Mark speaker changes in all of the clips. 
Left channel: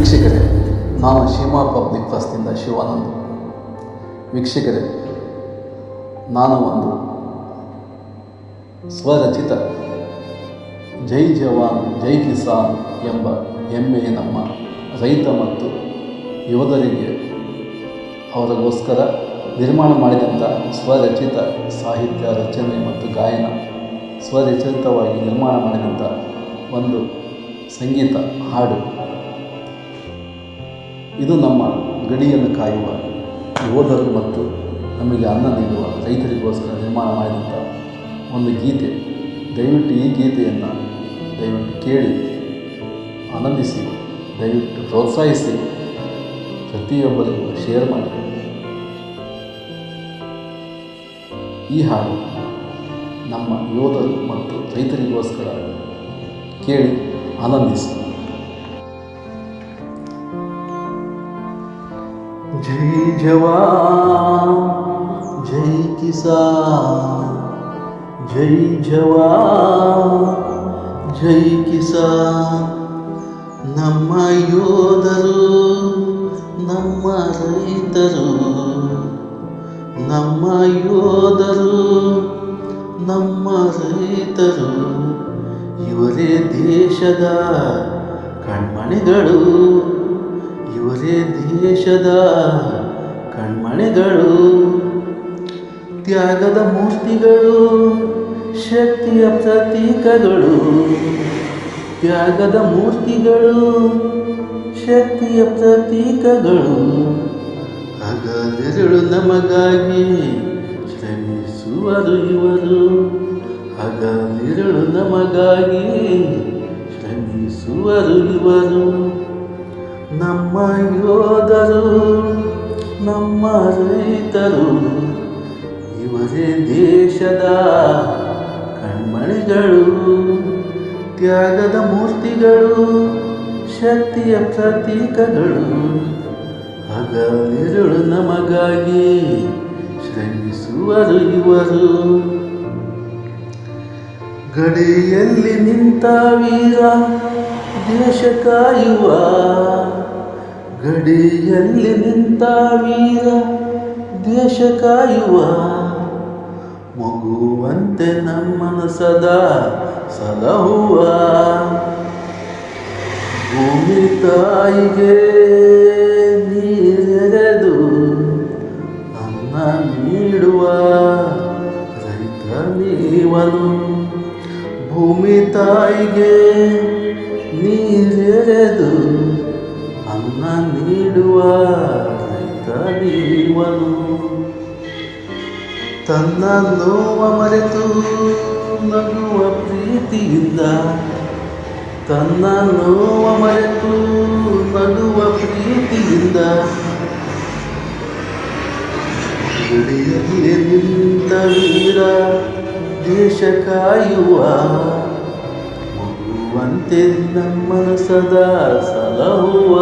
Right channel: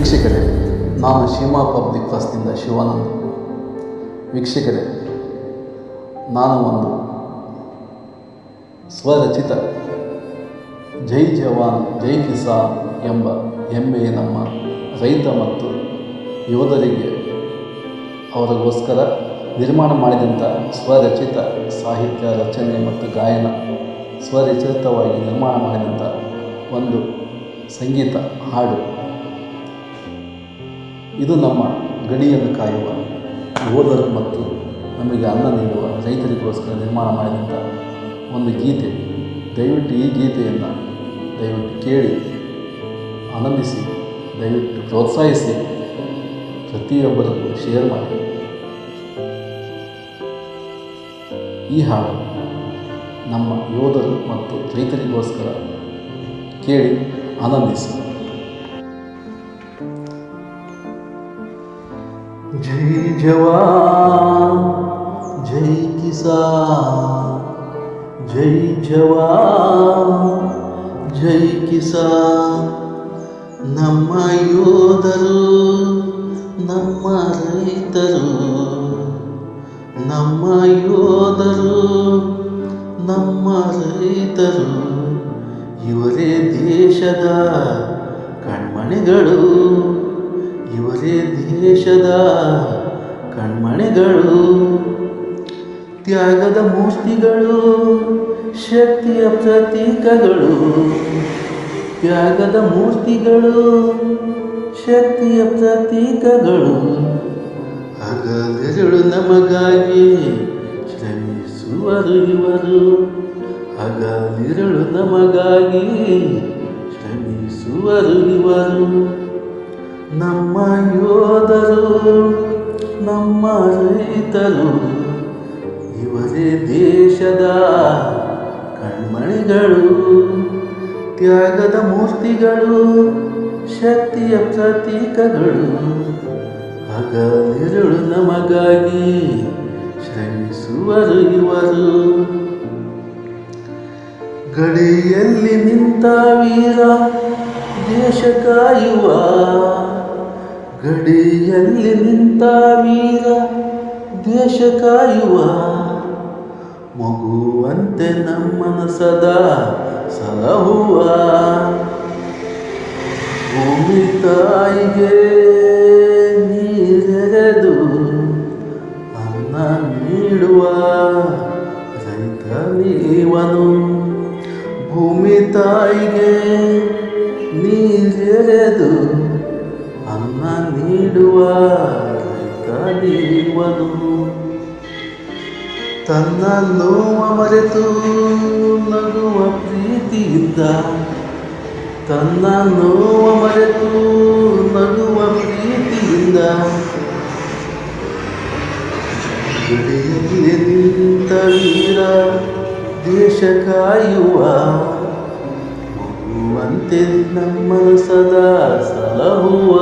Speaker 1: ವೀಕ್ಷಕರೇ, ನಾನು ಶಿಮಾ ಪಬ್ಲಿಕ್ ಟ್ರಸ್ಟ್ನಿಂದ ಶಿವಾನಂದ್. ವೀಕ್ಷಕರೇ, ನಾನು ಒಂದು ಸ್ವರಚಿತ ಜೈ ಜವಾನ್, ಜೈ ಕಿಸಾನ್ ಎಂಬ ಹೆಮ್ಮೆಯ ನಮ್ಮ ರೈತ ಮತ್ತು ಯೋಧರಿಗೆ ಅವರಿಗೋಸ್ಕರ ನಿರ್ಮಾಣ ಮಾಡಿದಂಥ ಸ್ವರಚಿತ ಸಾಹಿತ್ಯ ರಚನೆ ಮತ್ತು ಗಾಯನ, ಸ್ವರಚಿತವಾಗಿ ನಿರ್ಮಾಣ ಮಾಡಿದಂಥ ಒಂದು ಸಂಗೀತ ಹಾಡು. ಇದು ನಮ್ಮ ಗಡಿಯನ್ನು ಕಾಯುವ ಯೋಧರು ಮತ್ತು ನಮಗೆ ಅನ್ನ ನೀಡುವ ರೈತರಿಗೋಸ್ಕರ ನಿರ್ಮಾಣ ಮಾಡಿದಂಥ ಒಂದು ಗೀತೆ. ದಯವಿಟ್ಟು ಈ ಗೀತೆಯನ್ನು ದಯವಿಟ್ಟು ಕೇಳಿ, ಆನಂದಿಸಿ, ದಯವಿಟ್ಟು ಪ್ರೋತ್ಸಾಹಿಸಿ, ಪ್ರತಿಯೊಬ್ಬರಿಗೂ ಶೇರ್ ಮಾಡಿ. ಈ ಹಾಡು ನಮ್ಮ ಯೋಧರು ಮತ್ತು ರೈತರಿಗೋಸ್ಕರ ಕೇಳಿ, ಆನಂದಿಸಿ. ಜೈ ಜವಾನ್, ಜೈ ಕಿಸಾನ್, ಜೈ ಜವಾನ್, ಜೈ ಕಿಸಾನ್. ನಮ್ಮ ಯೋಧರು, ನಮ್ಮ ರೈತರು, ನಮ್ಮ ಯೋಧರು, ನಮ್ಮ ರೈತರು, ಇವರೇ ದೇಶದ ಕಣ್ಮಣಿಗಳು. ಇವರೇ ದೇಶದ ಕಣ್ಮಣಿಗಳು, ತ್ಯಾಗದ ಮೂರ್ತಿಗಳು, ಶಕ್ತಿಯ ಪ್ರತೀಕಗಳು. ತ್ಯಾಗದ ಮೂರ್ತಿಗಳು, ಶಕ್ತಿಯ ಪ್ರತೀಕಗಳು. ಹಗಲೆರಳು ನಮಗಾಗಿ ಶ್ರಮಿಸುವರು ಇವರು. ಹಗಲಿರುಳು ನಮಗಾಗಿ ಶ್ರಮಿಸುವರು ಇವರು. ನಮ್ಮ ಯೋಧರು, ನಮ್ಮ ರೈತರು, ಇವರೇ ದೇಶದ ಕಣ್ಮಣಿಗಳು, ತ್ಯಾಗದ ಮೂರ್ತಿಗಳು, ಶಕ್ತಿಯ ಪ್ರತೀಕಗಳು. ಹಗಲಿರುಳು ನಮಗಾಗಿ ಶ್ರಮಿಸುವರು ಇವರು. ಗಡಿಯಲ್ಲಿ ನಿಂತ ವೀರ, ದೇಶ ಕಾಯುವ ಗಡಿಯಲ್ಲಿ ನಿಂತ ವೀರ ದೇಶ ಕಾಯುವ, ಮಗುವಂತೆ ನಮ್ಮನ ಸದಾ ಸಲಹುವ. ಭೂಮಿ ತಾಯಿಗೆ ನೀರೆರೆದು ಅನ್ನ ನೀಡುವ ರೈತ ನೀವನು. ಭೂಮಿ ತಾಯಿಗೆ ನೀರೆರೆದು ಅನ್ನ ನೀಡುವ ರೈತ ದೇವನು ತನ್ನ ನೋವ ಮರೆತು ನಗುವ ಪ್ರೀತಿಯಿಂದ ತನ್ನ ನೋವ ಮರೆತು ನಗುವ ಪ್ರೀತಿಯಿಂದ ಗಡಿಯಲ್ಲಿ ನಿಂತ ವೀರ, ದೇಶ ಕಾಯುವ ಮಗುವಂತೆ ನಮ್ಮನ ಸದಾ ಸಲಹುವ.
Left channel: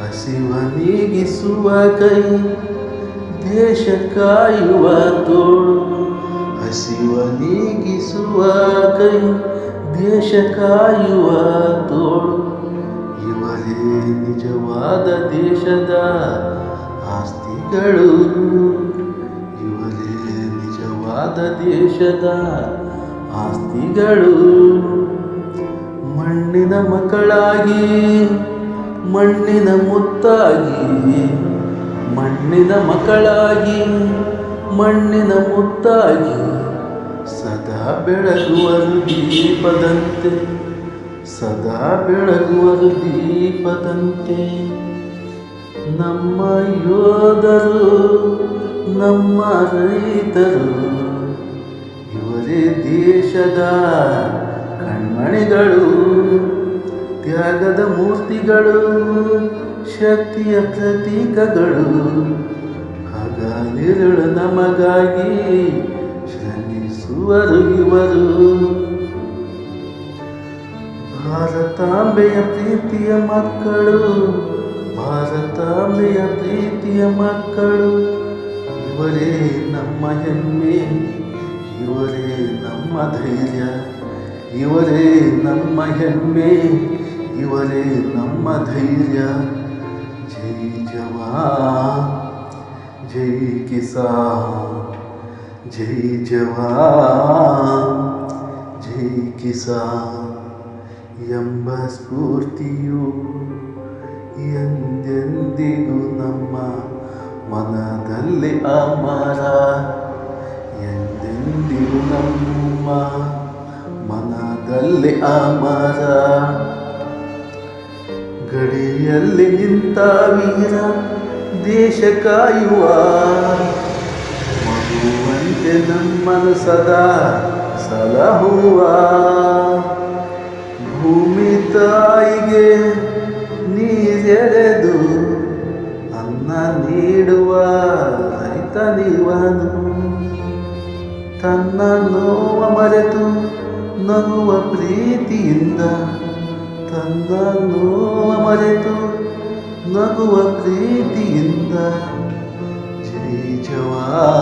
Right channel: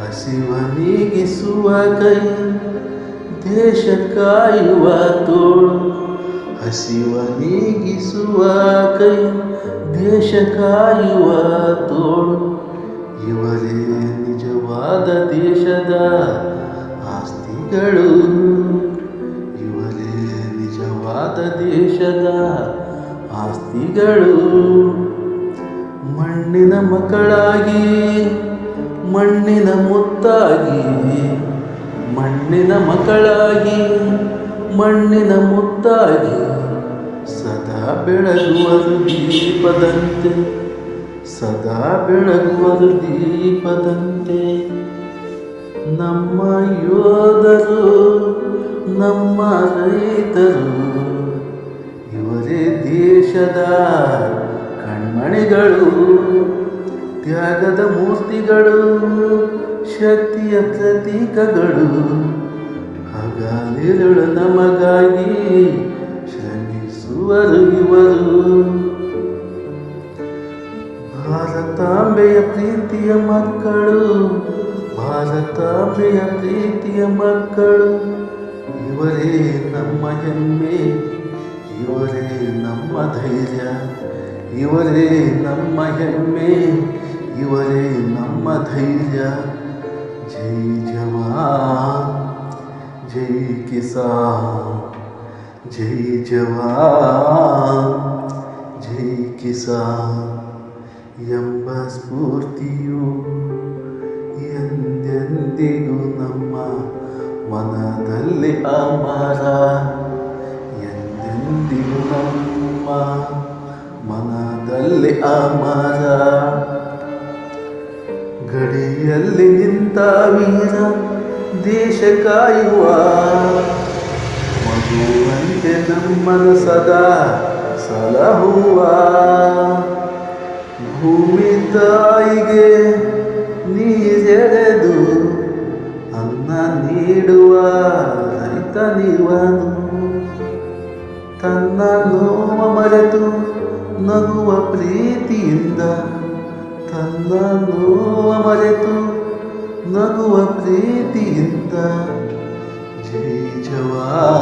Speaker 1: ಹಸಿವ ನೀಗಿಸುವ ಕೈ, ದೇಶ ಕಾಯುವ ತೋಳು. ಹಸಿವ ನೀಗಿಸುವ ಕೈ, ದೇಶ ಕಾಯುವ ತೋಳು. ಇವರೇ ನಿಜವಾದ ದೇಶದ ಆಸ್ತಿಗಳು. ನಿಜವಾದ ದೇಶದ ಆಸ್ತಿಗಳು ಮಣ್ಣಿನ ಮಕ್ಕಳಾಗಿ, ಮಣ್ಣಿನ ಮುತ್ತಾಗಿ, ಮಣ್ಣಿನ ಮಕ್ಕಳಾಗಿ, ಮಣ್ಣಿನ ಮುತ್ತಾಗಿ ಸದಾ ಬೆಳಗುವರು ದೀಪದಂತೆ, ಸದಾ ಬೆಳಗುವರು ದೀಪದಂತೆ ನಮ್ಮ ಯೋಧರು ನಮ್ಮ ರೈತರು, ಇವರೇ ದೇಶದ ಕಣ್ಮಣಿಗಳು, ತ್ಯಾಗದ ಮೂರ್ತಿಗಳು, ಶಕ್ತಿಯ ಪ್ರತೀಕಗಳು. ಹಗಲಿರುಳು ನಮಗಾಗಿ ಶ್ರಮಿಸುವರು ಇವರು. ಭಾರತಾಂಬೆಯ ಪ್ರೀತಿಯ ಮಕ್ಕಳು, ಭಾರತಾಂಬೆಯ ಪ್ರೀತಿಯ ಮಕ್ಕಳು. ಇವರೇ ನಮ್ಮ ಹೆಮ್ಮೆ, ಇವರೇ ನಮ್ಮ ಧೈರ್ಯ, ಇವರೇ ನಮ್ಮ ಹೆಮ್ಮೆ, ಇವರೇ ನಮ್ಮ ಧೈರ್ಯ. ಜೈ ಜವಾನ್, ಜೈ ಕಿಸಾನ್, ಜೈ ಜವಾನ್, ಜೈ ಕಿಸಾನ್ ಎಂಬ ಸ್ಫೂರ್ತಿಯು ಎಂದೆಂದಿಗೂ ನಮ್ಮ ಮನದಲ್ಲಿ ಅಮರ ಎಂದೆಂದಿಗೂ ನಮ್ಮ ಮನದಲ್ಲಿ ಅಮರ. ಗಡಿಯಲ್ಲಿ ನಿಂತ ವೀರ ದೇಶ ಕಾಯುವ ಮಗುವಂತೆ ನಮ್ಮನ ಸದಾ ಸಲಹುವ ಭೂಮಿ ತಾಯಿಗೆ ನೀರೆರೆದು ನೀಡುವ ನೀವನು. ತನ್ನ ನೋವ ಮರೆತು ನಗುವ ಪ್ರೀತಿಯಿಂದ ತನ್ನ ನೋವ ಮರೆತು ನಗುವ ಪ್ರೀತಿಯಿಂದ ಜೈ ಜವಾ,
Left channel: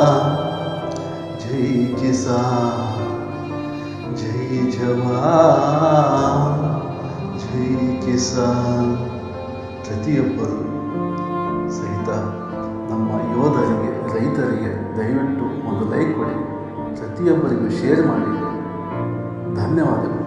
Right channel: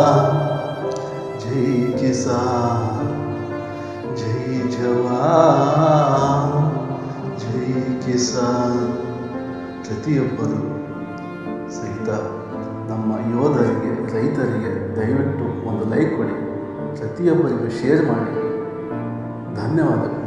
Speaker 1: ಜೈ ಕಿಸಾನ್, ಜೈ ಜವಾ, ಜೈ ಕಿಸಾನ್. ಪ್ರತಿಯೊಬ್ಬರು ಸಹಿತ ನಮ್ಮ ಯೋಧರಿಗೆ ರೈತರಿಗೆ ದಯವಿಟ್ಟು ಒಂದು ಲೈಕ್ ಕೊಡಿ ಪ್ರತಿಯೊಬ್ಬರಿಗೂ ಶೇರ್ ಮಾಡಿ. ಧನ್ಯವಾದಗಳು.